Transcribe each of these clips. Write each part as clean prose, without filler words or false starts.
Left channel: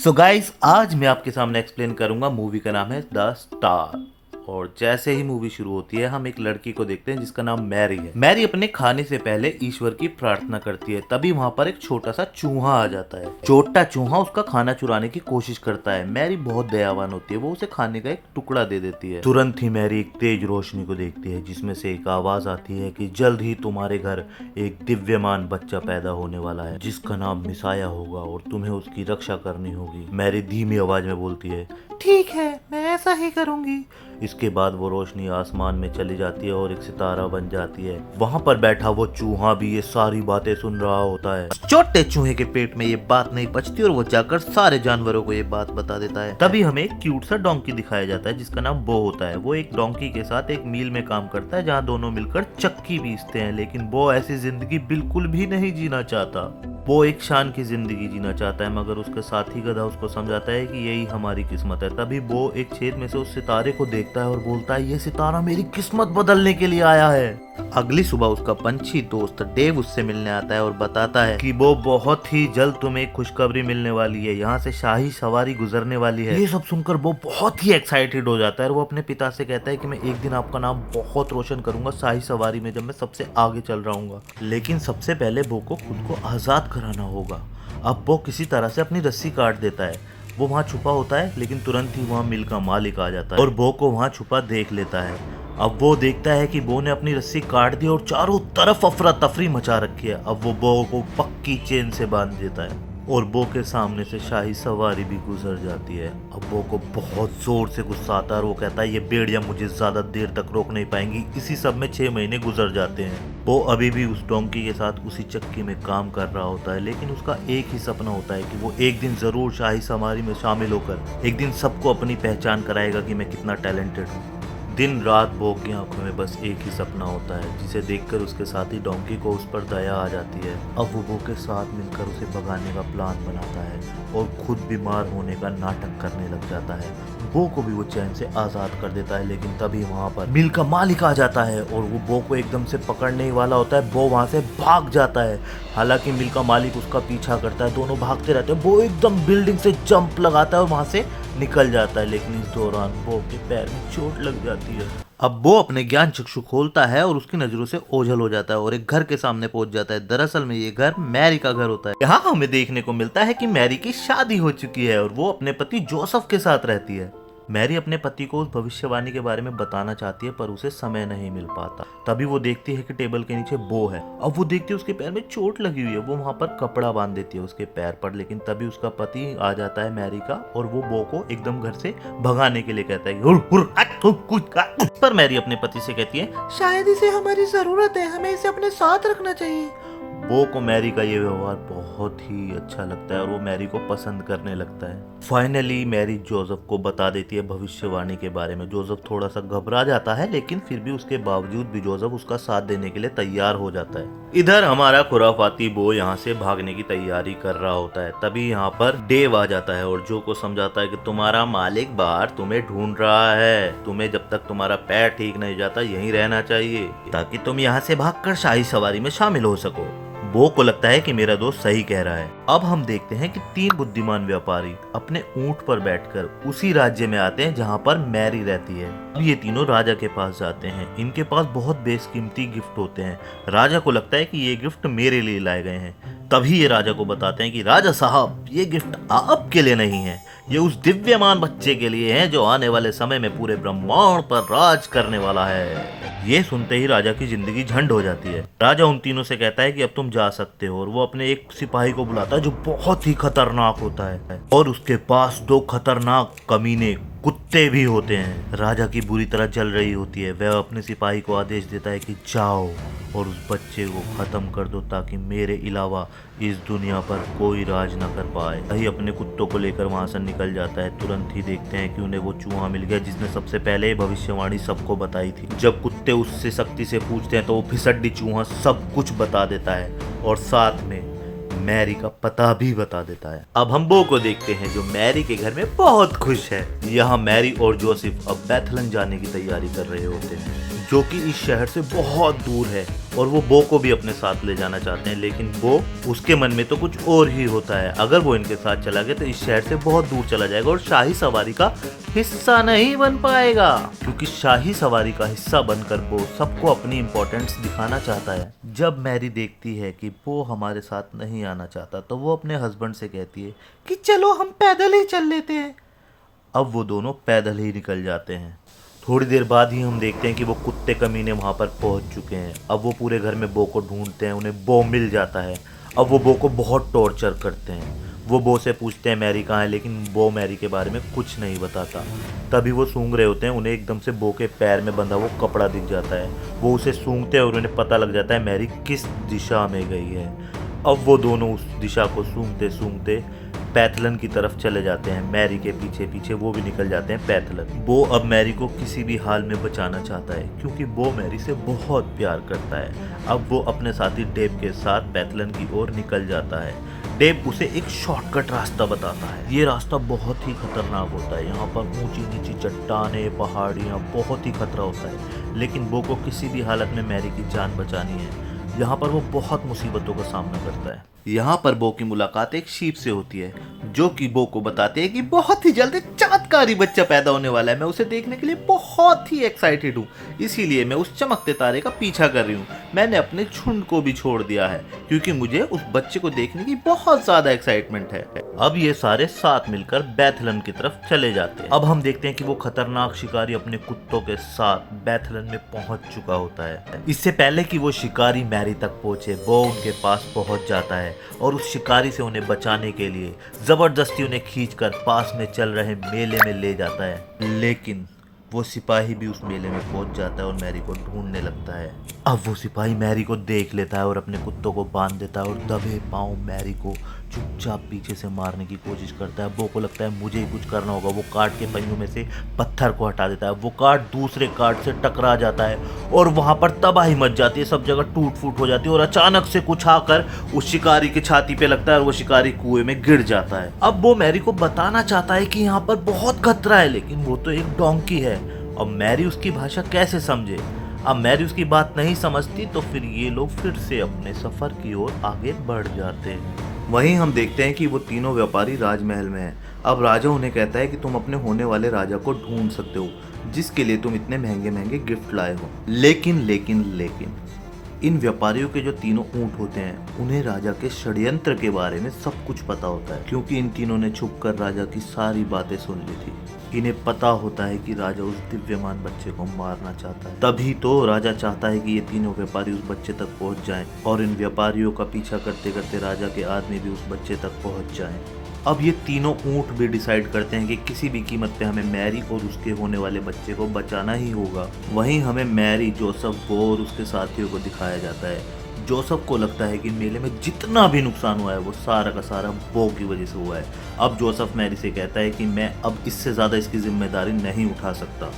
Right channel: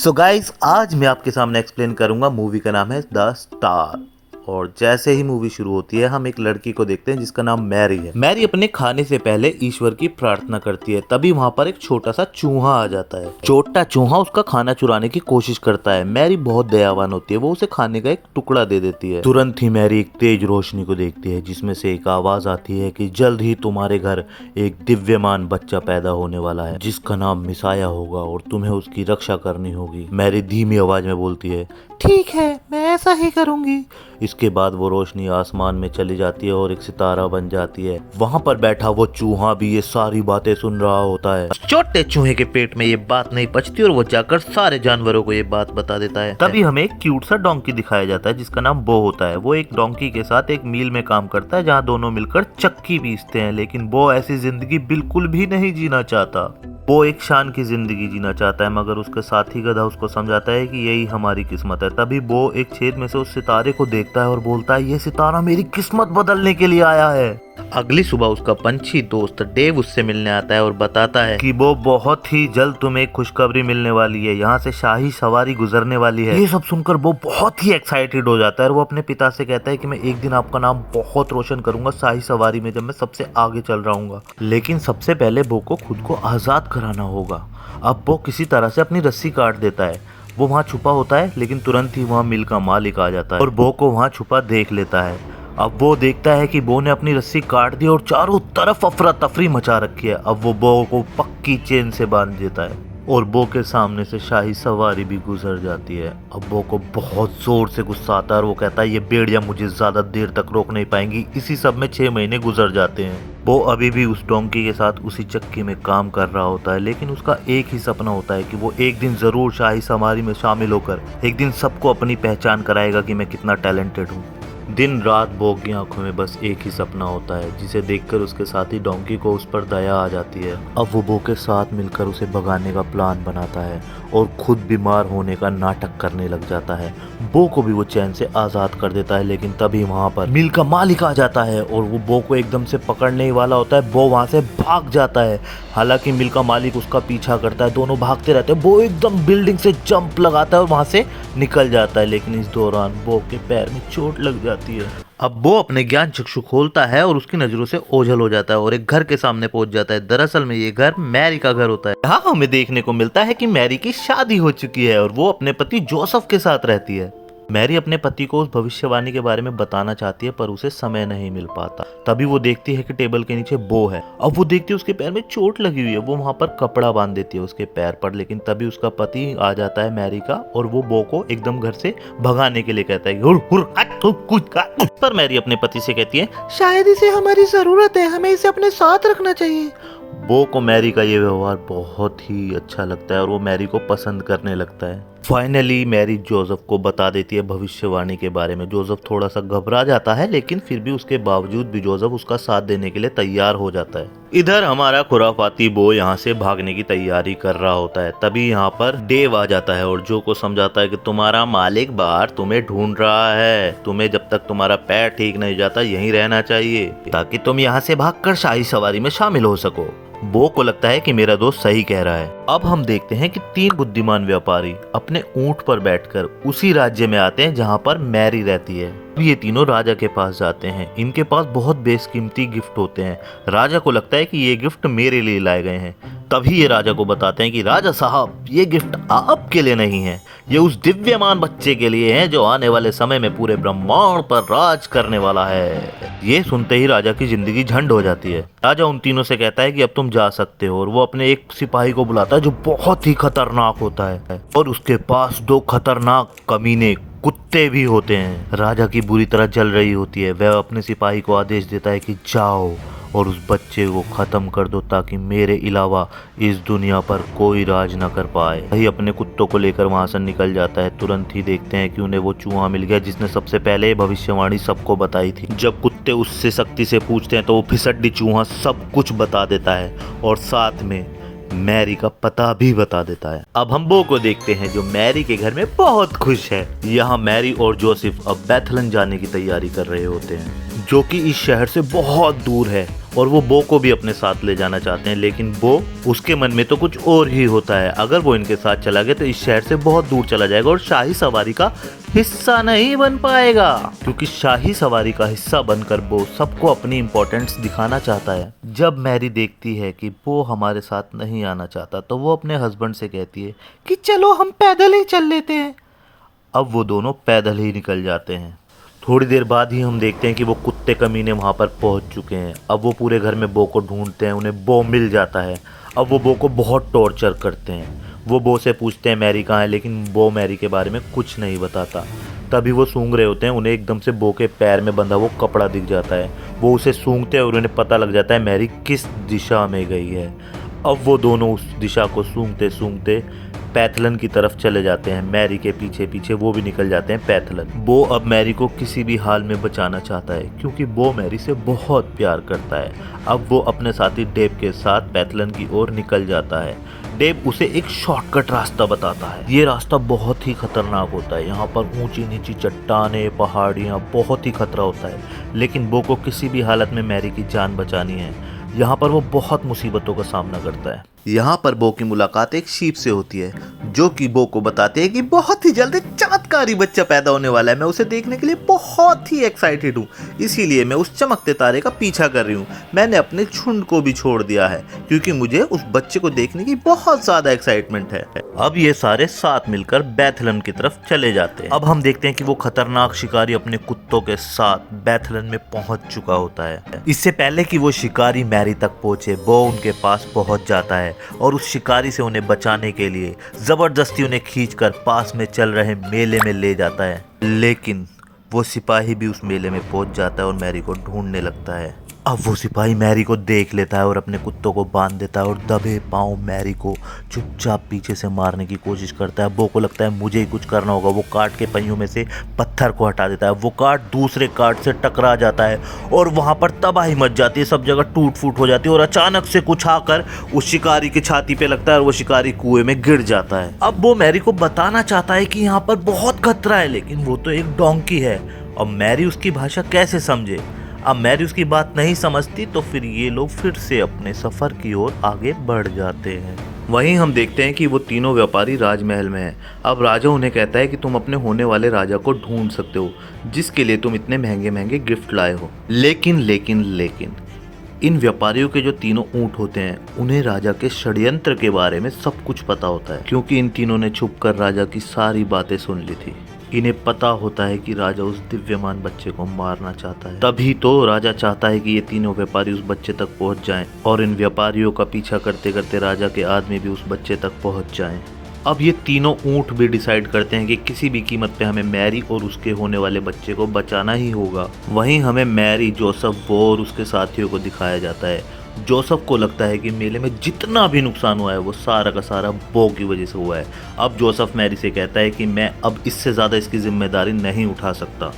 So guys, आज मैं आपके सामने एक्सप्लेन करूंगा। मूवी का नाम है द स्टार। और जैसे ही मूवी शुरू होती है हम एक लड़की को देखते हैं जिसका नाम मैरी है। मैरी अपने खाने से पहले ईश्वर की प्रार्थना करती है। तभी वहाँ पर एक छोटा सा चूहा आ जाता है। छोटा चूहा उसका खाना चुराने की कोशिश करता है। मैरी बहुत दयावान होती है, वो उसे खाने का एक टुकड़ा दे देती है। तुरंत ही मैरी एक तेज रोशनी को देखती है जिसमें से एक आवाज आती है कि जल्द ही तुम्हारे घर एक दिव्यमान बच्चा पैदा होने वाला है जिसका नाम मिसाया होगा और तुम्हें उसकी रक्षा करनी होगी। मैरी धीमी आवाज में बोलती है, ठीक है, मैं ऐसा ही करूंगी। इसके बाद वो रोशनी आसमान में चली जाती है और एक सितारा बन जाती है। वहाँ पर बैठा वो चूहा भी ये सारी बातें सुन रहा होता है। छोटे चूहे के पेट में ये बात नहीं पचती और वो जाकर सारे जानवरों को ये बात बता देता है। तभी हमें एक क्यूट सा डोंकी दिखाया जाता है जिसका नाम बो होता है। वो एक डोंकी के साथ एक मील में काम करता है जहाँ दोनों मिलकर चक्की पीसते हैं, लेकिन वो ऐसी जिंदगी बिल्कुल भी नहीं जीना चाहता। वो एक शान की जिंदगी जीना चाहता है, मगर उसके साथी गधा उसको समझाता है कि यही हमारी किस्मत है। तभी वो एक छेद में से उस सितारे को देखता है और बोलता है, ये सितारा मेरी किस्मत बदलने के लिए आया है। अगली सुबह उसका पंछी दोस्त डेव उससे मिलने आता है और बताता है कि वो बहुत ही जल्द तुम्हें एक खुशखबरी मिलने वाली है, यहाँ से शाही सवारी गुजरने वाली है। ये सब सुनकर वो बहुत ही एक्साइटेड हो जाता है और वो अपने पिता से कहता है कि मैं एक दिन आपका नाम बहुत रोशन करूंगा शाही सवारी में, जब मैं सबसे आगे चल रहा हूँ। लेकिन सबसे पहले वो को खुद को आजाद कराना होगा। अब वो किसी तरह से अपनी रस्सी काट देता है। वो वहाँ छुपा होता है, लेकिन तुरंत ही वहाँ मिल का मालिक आ जाता है और बो को वहाँ छुपा देख लेता है। अब वो देखता है कि बो ने अपनी रस्सी काट दी और चारों तरफ अफरा तफरी मचा रखी है। अब वो बो को पक्की चेन से बांध देता है और बो के सामने से शाही सवारी भी गुजर जाती है। अब बो को बहुत जोर से गुस्सा आता है और वो कहता है, ये भेड़िया मुझे ज्यादा देर तक रोक नहीं पाएंगी। इसी सब में 6 महीने गुजर जाते हैं। वो अभी भी उस डोंकी के साथ उसी चक्की में काम कर रहा होता है, लेकिन उसका एक ही सपना होता है कि वो एक दिन जरूर शाही सवारी में शामिल होकर एक दिन सबको अपनी पहचान कराएगा कि मैं कितना टैलेंटेड हूँ। दिन रात बो की आंखों में बस एक ही सपना होता है, जिसे देखकर उसके साथी डोंकी को उस पर दया आ जाती है। अब वो बो के साथ मिलकर उसे भगाने का प्लान बनाता है और खुद बीमार होने का नाटक करने लग जाता है। बो को भी वो चैन से आजाद कर देता है, लेकिन तभी वहाँ पर मिल का मालिक आ जाता है और वो बो को एकदम से पकड़ने ही वाला होता है। बो वहाँ से भाग जाता है, हालांकि मिल का मालिक उसका पीछा करता है। दोनों भागते रहते हैं। बो एकदम बिल्डिंग से जंप लगाता है और वहाँ से निकल जाता है, लेकिन इस दौरान बो के पैर में चोट लग जाती है। अब वो अपने ज्ञान चक्षु खोलता है और उसकी नजरों से ओझल हो जाता है और एक घर के सामने पहुंच जाता है। दरअसल में ये घर मैरी का घर होता है। यहाँ हमें देखने को मिलता है कि मैरी की शादी हो चुकी है और वो अपने पति जोसेफ के साथ रहती है। मैरी अपने पति को उस भविष्यवाणी के बारे में बताना चाहती है, पर उसे समय नहीं मिल पाता। तभी वो देखती है कि टेबल के नीचे बो है। अब वो देखती है उसके पैर में चोट लगी हुई है। वो वहाँ पर कपड़ा बांध देती है उसके पैर पर, लेकिन तभी उसका पति आ जाता है मैरी का और वो बो को एकदम घर से भगाने के लिए कहता है। पर मैरी अपने पति से कहती है, शायद इसे हमारी जरूरत है, हमें इसे अपने साथ रखना चाहिए। बो को मैरी का ये व्यवहार बहुत ही अच्छा लगता है और वो मैरी को पसंद करने लगता है। फाइनली मैरी जोसेफ को बता देती है भविष्यवाणी के बारे में। जोसेफ थोड़ा सा घबरा जाता है, लेकिन फिर भी उसके बावजूद भी जोसेफ उसका साथ देने के लिए तैयार हो जाता है। इधर हमारा खुराफाती बो यहाँ से भागने की तैयारी कर रहा होता है। तभी यहाँ पर डेव आ जाता है और जो को समझाता है कि तुम्हारा मालिक बाहर तुम्हें ढूंढ रहा है। तुम्हें जब तक तुम्हारा पैर ठीक नहीं जाता यहीं रहना चाहिए, ताकि तुम यहाँ से भागकर शाही सवारी में शामिल हो सको। बो को लगता है कि मेरा दोस्त सही कह रहा है। अब हम देखते हैं कि 3 बुद्धिमान व्यापारी अपने ऊंट पर बैठकर उसी राज्य में आते हैं जहां पर मैरी रहती है। अब ये तीनों राजा के पास जाते हैं। इनके पास बहुत बेशकीमती गिफ्ट होते हैं। राजा को लगता है कि ये गिफ्ट मेरे लिए लाए गए हैं। तभी ये राजा को बताते हैं कि राजा साहब, ये गिफ्ट आपके लिए नहीं है, ये उस दिव्यमान बच्चे के लिए है जो आने वाले समय में पूरे ब्रह्मांड पर राज करने वाला है। ये सुनते ही राजा की जिंदगी झंड हो जाती है। राजा उन तीनों से कहता है कि अब तुम जा सकते हो और वो अपने एक सिपाही को बुलाता है जो बहुत ही खतरनाक होता है और उसके पास 2 खतरनाक कमीने कुत्ते भी होते हैं। राजा की बुरी तरह जल रही होती है। वह अपने सिपाही को आदेश देता है कि जाओ और उस बच्चे को खत्म कर दो, ताकि मेरे अलावा इस दुनिया पर कोई राज न कर पाए। वही अपने कुत्तों को लेकर वहां से निकल जाता है। तुरंत ही देखते हैं कि उन्हें वो चूहा मिल गया जिसने सबसे पहले भविष्यवाणी सबको बताई थी। जब कुत्ते उससे सख्ती से पूछते हैं तो वो फिसड्डी चूहा सब कुछ बता देता है और साथ में मैरी का पता भी बता देता है। अब हम बो को देखते हैं जो मैरी के घर में बहुत खुश है। यहाँ मैरी और जोसेफ अब बेथलेम जाने की तैयारी कर रहे होते हैं। जो कि इस शहर से बहुत दूर है और वो बो को भी अपने साथ ले जाना चाहते हैं, लेकिन बो उसके मन में तो कुछ और ही होता है। अगर वो इनके साथ चला गया तो इस शहर से बहुत दूर चला जाएगा और शाही सवारी का हिस्सा नहीं बन पाएगा, क्योंकि शाही सवारी का हिस्सा बनकर बो सबको अपनी इम्पोर्टेंस दिखाना चाहता है। जब मैरी देखती है कि बो हमारे साथ नहीं आना चाहता तो वो अपने हस्बैंड से कहती है कि चलो हम पैदल ही चल लेते हैं। अब वो दोनों पैदल ही निकल जाते हैं। थोड़ी देर बाद ही हम देखते हैं कि वो कुत्ते कमीने वहाँ पर पहुँच चुके हैं। अब वो पूरे घर में बो को ढूंढते हैं, उन्हें बो मिल जाता है। अब वो बो को बहुत टॉर्चर करते हैं। वो बो से पूछते हैं मैरी कहाँ है, लेकिन बो मैरी के बारे में कुछ नहीं बताता। तभी वो सूंघ रहे होते हैं, उन्हें एकदम से बो के पैर में बंधा वो कपड़ा दिख जाता है। वो उसे सूंघते हैं और उन्हें पता लग जाता है मैरी किस दिशा में गई है। अब वो दोनों उस दिशा को सूंघते सूंघते पैथलन की तरफ चले जाते हैं। मैरी के पीछे पीछे वो भी निकल जाते हैं पैथलन। बो अब मैरी को किसी भी हाल में बचाना चाहता है, क्योंकि बो मैरी से बहुत प्यार करता है। अब वो अपने साथी डेब के साथ पैथलन की ओर निकल जाता है। डेब उसे एक शॉर्टकट रास्ता बताता है। ये रास्ता बहुत ही खतरनाक होता है। यहाँ पर ऊंची नीची चट्टानें, पहाड़ियाँ, बहुत ही खतरा होता है, लेकिन बो को किसी भी हालत में मैरी की जान बचानी है। यहाँ पर वो बहुत मुसीबतों का सामना करता है। यहाँ पर बो की मुलाकात एक शीप से होती है, जो कि बो को बताते हैं कि बहुत ही जल्द एक चमत्कारी बच्चा पैदा होने वाला है। मैं उसे देखने के लिए बहुत ही एक्साइटेड हूँ, इसीलिए मैं उस चमकते तारे का पीछा कर रही हूँ। मैंने अपने झुंड को भी छोड़ दिया है, क्योंकि मुझे उस बच्चे को देखने की बहुत ज्यादा एक्साइटमेंट है। अब ये सारे साथ मिलकर बैथलन की तरफ चले जाते हैं। अब हम देखते हैं कि वो खतरनाक शिकारी अपने कुत्तों के साथ बैथलन में पहुंच चुका होता है। इससे पहले कि वो शिकारी मैरी तक पहुंचे, बो उनके पास पहुंच जाता है और उस शिकारी से उन्हें बचाने के लिए जबरदस्ती उन्हें खींचकर पास में चल रहे मेले में ले जाता है। लेकिन वो सिपाही भी उस मेले में पहुंच जाता है और मैरी को ढूंढने लगता है। अब वो सिपाही मैरी को देख लेता है और अपने कुत्तों को बांध देता है और दबे पांव मैरी को चुपचाप पीछे से मारने की कोशिश करता है। बो को लगता है मुझे ही कुछ करना होगा। वो कार्ट के पहियों में से पत्थर को हटा देता है। वो कार्ट दूसरे कार्ट से टकरा जाता है और वहां पर तबाही मच जाती है। सब जगह टूट फूट हो जाती है और अचानक से कुछ आकर उस शिकारी की छाती पे लगता है और वो शिकारी कुएं में गिर जाता है। अब वो मैरी को बताना चाहता है कि यहाँ पर बहुत खतरा है, लेकिन वो तो एक डोंकी है। अब मैरी उसकी भाषा कैसे समझे? अब मैरी उसकी बात नहीं समझती, तो फिर ये लोग फिर से अपने सफर की ओर आगे बढ़ जाते हैं। वहीं हम देखते हैं कि वो तीनों व्यापारी राजमहल में हैं। अब राजा उन्हें कहता है कि तुम अपने होने वाले राजा को ढूंढ सकते हो, जिसके लिए तुम इतने महंगे महंगे गिफ्ट लाए हो। लेकिन इन व्यापारियों के जो तीनों ऊंट होते हैं, उन्हें राजा के षड्यंत्र के बारे में सब कुछ पता होता है, क्योंकि इन तीनों ने छुपकर राजा की सारी बातें सुन ली थी। इन्हें पता होता है कि राजा उस दिव्यमान बच्चे को मारना चाहता है। तभी तो राजा चाहता है कि ये तीनों व्यापारी उस बच्चे तक पहुंच जाएं और इन व्यापारियों का पीछा करते करते राजा के आदमी भी उस बच्चे तक पहुंच जाएं। अब ये तीनों ऊंट भी डिसाइड करते हैं कि किसी भी कीमत पे हमें मैरी और उसके होने वाले बच्चे को बचाना ही होगा। वहीं हमें मैरी, जोसेफ, बो और उसके साथियों को दिखाया जाता है। जोसेफ को लगता है कि मेले में जितना भी नुकसान हुआ है वो सारा का सारा बो की वजह से हुआ है। अब जोसेफ मैरी से कहता है कि मैं अब इससे ज़्यादा इसकी जिम्मेदारी नहीं उठा सकता।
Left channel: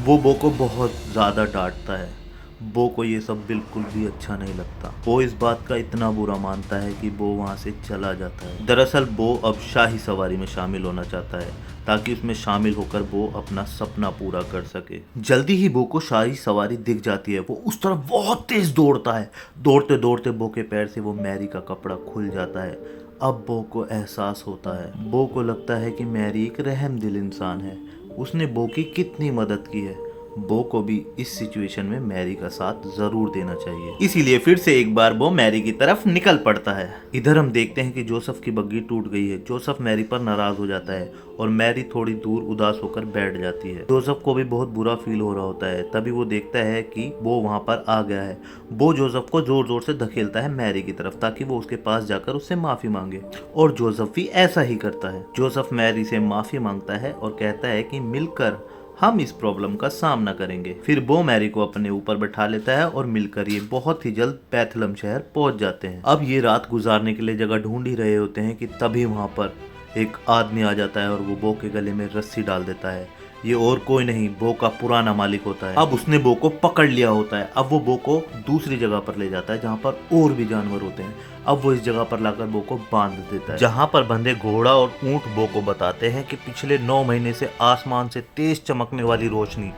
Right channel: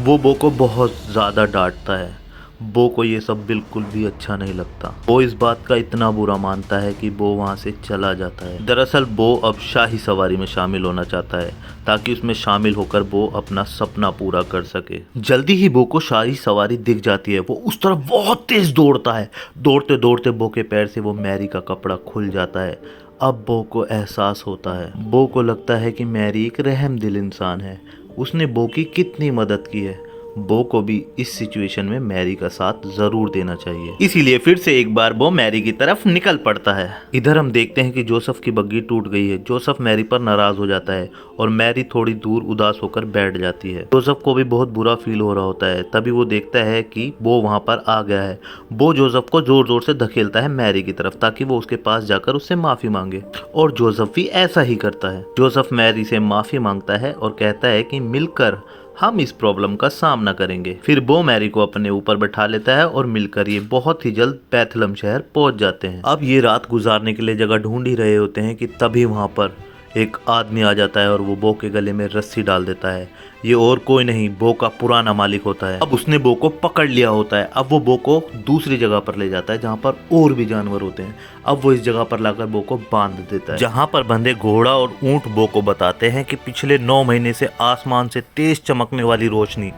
वो बो को बहुत ज़्यादा डांटता है। बो को ये सब बिल्कुल भी अच्छा नहीं लगता। वो इस बात का इतना बुरा मानता है कि बो वहाँ से चला जाता है। दरअसल बो अब शाही सवारी में शामिल होना चाहता है, ताकि उसमें शामिल होकर बो अपना सपना पूरा कर सके। जल्दी ही बो को शाही सवारी दिख जाती है। वो उस तरफ बहुत तेज दौड़ता है। दौड़ते दौड़ते बो के पैर से वो मैरी का कपड़ा खुल जाता है। अब बो को एहसास होता है। बो को लगता है कि मैरी एक रहमदिल इंसान है। उसने बो की कितनी मदद की है। बो को भी इस सिचुएशन में मैरी का साथ जरूर देना चाहिए। इसीलिए फिर से एक बार बो मैरी की तरफ निकल पड़ता है। इधर हम देखते हैं कि जोसेफ की बग्गी टूट गई है। जोसेफ मैरी पर नाराज हो जाता है और मैरी थोड़ी दूर उदास होकर बैठ जाती है। जोसेफ को भी बहुत बुरा फील हो रहा होता है। तभी वो देखता है कि बो वहाँ पर आ गया है। बो जोसेफ को जोर जोर से धकेलता है मैरी की तरफ, ताकि वो उसके पास जाकर उससे माफी मांगे, और जोसेफ भी ऐसा ही करता है। जोसेफ मैरी से माफी मांगता है और कहता है कि मिलकर हम इस प्रॉब्लम का सामना करेंगे। फिर बो मैरी को अपने ऊपर बैठा लेता है और मिलकर ये बहुत ही जल्द पैथलम शहर पहुंच जाते हैं। अब ये रात गुजारने के लिए जगह ढूंढ ही रहे होते हैं कि तभी वहां पर एक आदमी आ जाता है और वो बो के गले में रस्सी डाल देता है। ये और कोई नहीं, बो का पुराना मालिक होता है। अब उसने बो को पकड़ लिया होता है। अब वो बो को दूसरी जगह पर ले जाता है जहाँ पर और भी जानवर होते हैं। अब वो इस जगह पर लाकर बो को बांध देता है, जहाँ पर बंधे घोड़ा और ऊंट बो को बताते हैं कि पिछले 9 महीने से आसमान से तेज चमकने वाली रोशनी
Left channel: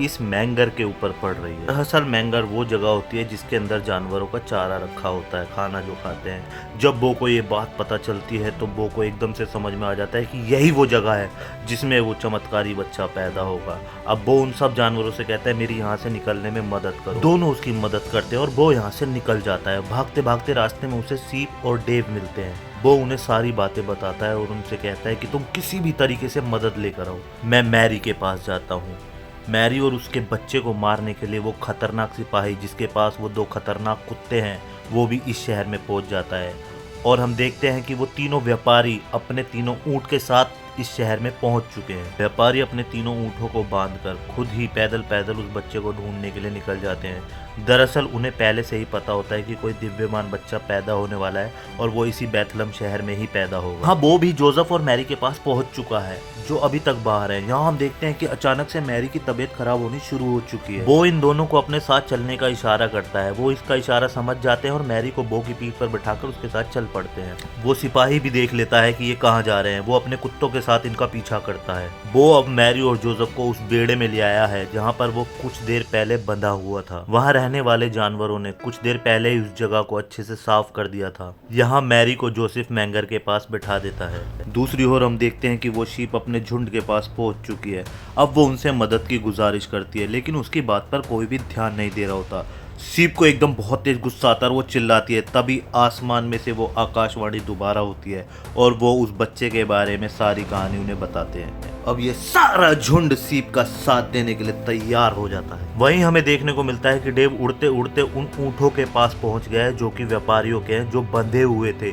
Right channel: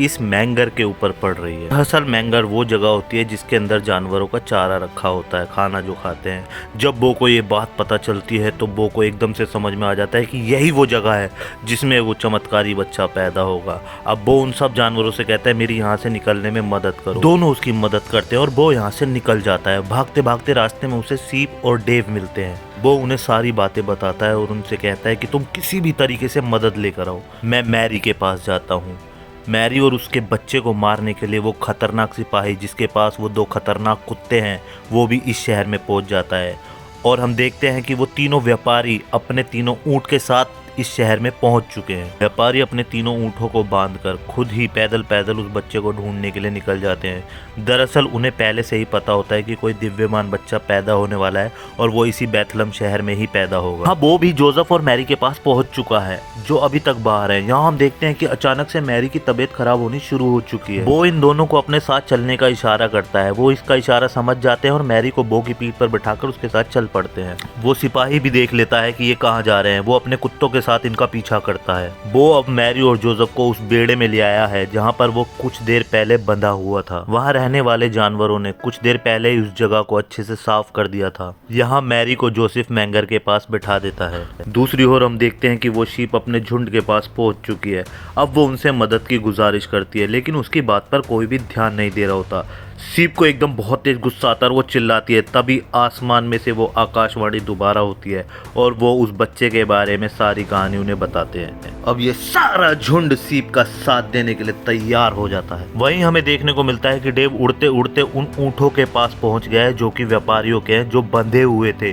इस मैंगर के ऊपर पड़ रही है। दरअसल मैंगर वो जगह होती है जिसके अंदर जानवरों का चारा रखा होता है, खाना जो खाते हैं। जब बो को ये बात पता चलती है तो बो को एकदम से समझ में आ जाता है कि यही वो जगह है जिसमें वो चमत्कारी बच्चा पैदा होगा। अब बो उन सब जानवरों से कहता है मेरी यहाँ से निकलने में मदद करो। दोनों उसकी मदद करते हैं और बो यहाँ से निकल जाता है। भागते भागते रास्ते में उसे सीप और डेव मिलते हैं। वो उन्हें सारी बातें बताता है और उनसे कहता है कि तुम किसी भी तरीके से मदद लेकर आओ। मैं मैरी के पास जाता हूँ। मैरी और उसके बच्चे को मारने के लिए वो खतरनाक सिपाही जिसके पास वो 2 खतरनाक कुत्ते हैं वो भी इस शहर में पहुंच जाता है। और हम देखते हैं कि वो तीनों व्यापारी अपने तीनों ऊँट के साथ इस शहर में पहुंच चुके हैं। व्यापारी अपने तीनों ऊँटों को बांधकर खुद ही पैदल पैदल उस बच्चे को ढूंढने के लिए निकल जाते हैं। दरअसल उन्हें पहले से ही पता होता है कि कोई दिव्यमान बच्चा पैदा होने वाला है और वो इसी बेथलम शहर में ही पैदा होगा। हाँ, वो भी जोसेफ और मैरी के पास पहुंच चुका है जो अभी तक बाहर है। यहाँ हम देखते हैं कि अचानक से मैरी की तबीयत खराब होनी शुरू हो चुकी है। वो इन दोनों को अपने साथ चलने का इशारा करता है। वो इसका इशारा समझ जाते हैं और मैरी को बो की पीठ पर बिठाकर उसके साथ चल पड़ते हैं। वो सिपाही भी देख लेता है कि ये कहाँ जा रहे हैं। वो अपने कुत्तों के साथ इनका पीछा करता है। वो अब मैरी और जोसेफ को उस बेड़े में ले आया है जहाँ पर वो कुछ देर पहले बंधा हुआ था। वहाँ रहने वाले जानवरों ने कुछ देर पहले ही उस जगह को अच्छे से साफ कर दिया था। यहाँ मैरी को जोसेफ मैंगर के पास बिठा देता है। दूसरी ओर हम देखते हैं कि वो शीप अपने झुंड के पास पहुंच चुकी है। अब वो उनसे मदद की गुजारिश करती है लेकिन उसकी बात पर कोई भी ध्यान नहीं दे रहा होता। सीप को एकदम बहुत तेज गुस्सा आता है और वो चिल्लाती है। तभी आसमान में से वो आकाशवाणी दोबारा होती है और वो उस बच्चे के बारे में सारी कहानी उन्हें बताते हैं। अब ये सारा झुंड सीप का साथ देने के लिए तैयार हो जाता है। वहीं हमें देखने को मिलता है कि डेव उड़ते उड़ते उन ऊँटों के पास पहुंच गया है जो कि व्यापारियों के हैं जो बंधे हुए थे।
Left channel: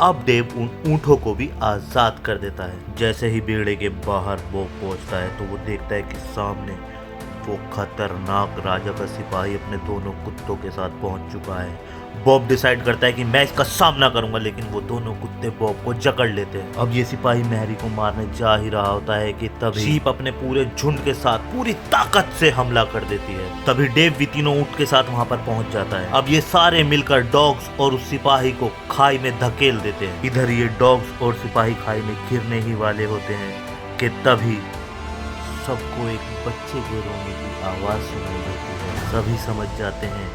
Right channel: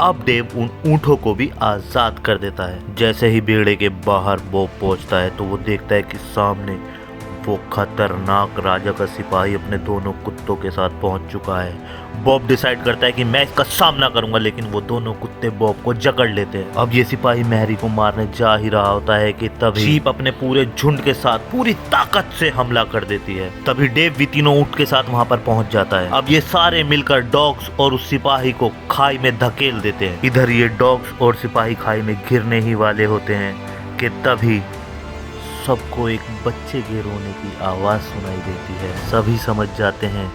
अब डेव उन ऊँटों को भी आजाद कर देता है। जैसे ही बेड़े के बाहर बॉब पहुंचता है तो वो देखता है कि सामने वो खतरनाक राजा का सिपाही अपने दोनों कुत्तों के साथ पहुंच चुका है। बॉब डिसाइड करता है कि मैं इसका सामना करूंगा लेकिन वो दोनों कुत्ते बॉब को जकड़ लेते हैं। अब ये सिपाही मैरी को मारने जा ही रहा होता है कि तभी शीप अपने पूरे झुंड के साथ पूरी ताकत से हमला कर देती है। तभी डेव भी तीनों ऊँट के साथ वहां पर पहुंच जाता है। अब ये सारे मिलकर डॉग्स और उस सिपाही को खाई में धकेल देते हैं। इधर ये डॉग्स और सिपाही खाई में गिरने ही वाले होते हैं कि तभी सबको एक बच्चे के रोने की आवाज़ सुनाई देती है। सभी समझ जाते हैं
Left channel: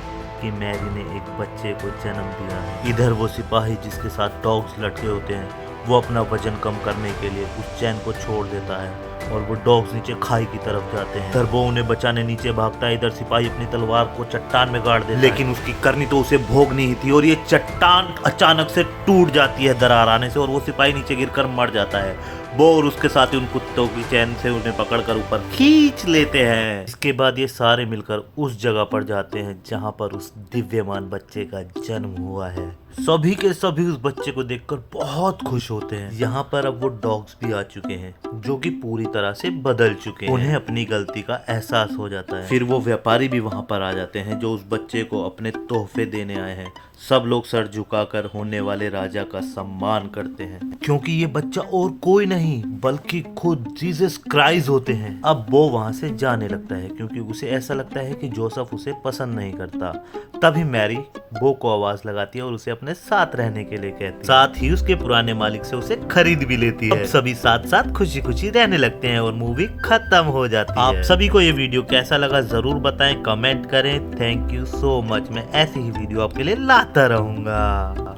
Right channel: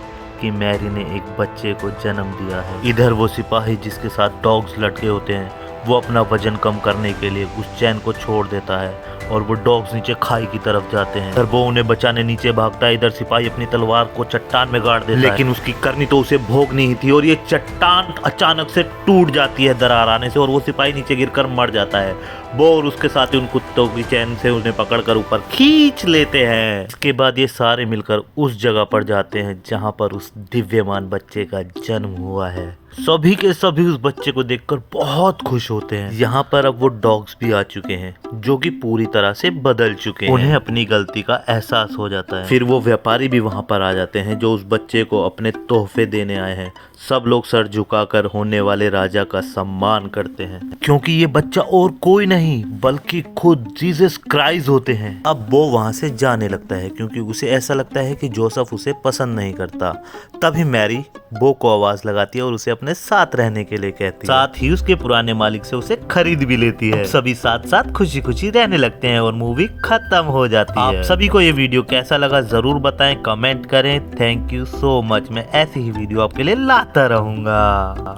कि मैरी ने एक बच्चे को जन्म दिया है। इधर वो सिपाही जिसके साथ डॉग्स लटके होते हैं वो अपना वजन कम करने के लिए उस चैन को छोड़ देता है और वो डॉग्स नीचे खाई की तरफ जाते हैं। इधर वो उन्हें बचाने नीचे भागता है। इधर सिपाही अपनी तलवार को चट्टान में गाड़ देता है लेकिन उसकी करनी तो उसे भोगनी ही थी और ये चट्टान अचानक से टूट जाती है दरार आने से और वो सिपाही नीचे गिरकर मर जाता है। वो और उसके साथ ही उन कुत्तों की चैन से उन्हें पकड़कर ऊपर खींच लेते हैं। इसके बाद ये सारे मिलकर उस जगह पर जाते हैं जहां पर उस दिव्यमान बच्चे का जन्म हुआ है। सभी के सभी उस बच्चे को देखकर बहुत खुश होते हैं। यहाँ पर अब वो डॉग्स भी आ चुके हैं जो कि पूरी तरह से बदल चुके हैं। उन्हें अपनी गलती का एहसास हो जाता है। फिर वो व्यापारी भी वहाँ पर आ जाते हैं जो उस बच्चे को अपने तोहफे देने आए हैं। सब लोग सर झुकाकर होने वाले राजा का सम्मान करते हैं क्योंकि ये बच्चा और कोई नहीं बल्कि खुद जीसस क्राइस्ट होते हैं। अब वो वहाँ से जाने लगता है क्योंकि उसे ऐसा लगता है कि जोसेफ उसे पसंद नहीं करता। तभी मैरी बो को आवाज लगाती है और उसे अपने साथ रहने के लिए कहती है। साथ ही उसके पुराने मालिक से उसे खरीद भी लेती है। अब सभी साथ साथ खुशी खुशी रहने लगते हैं और मूवी खत्म हो जाती है। आप सभी को ये वीडियो कैसा लगा जरूर बताएं, कमेंट करें। Thank you so much. मैं ऐसी ही वीडियो आपके लिए लाता रहूंगा।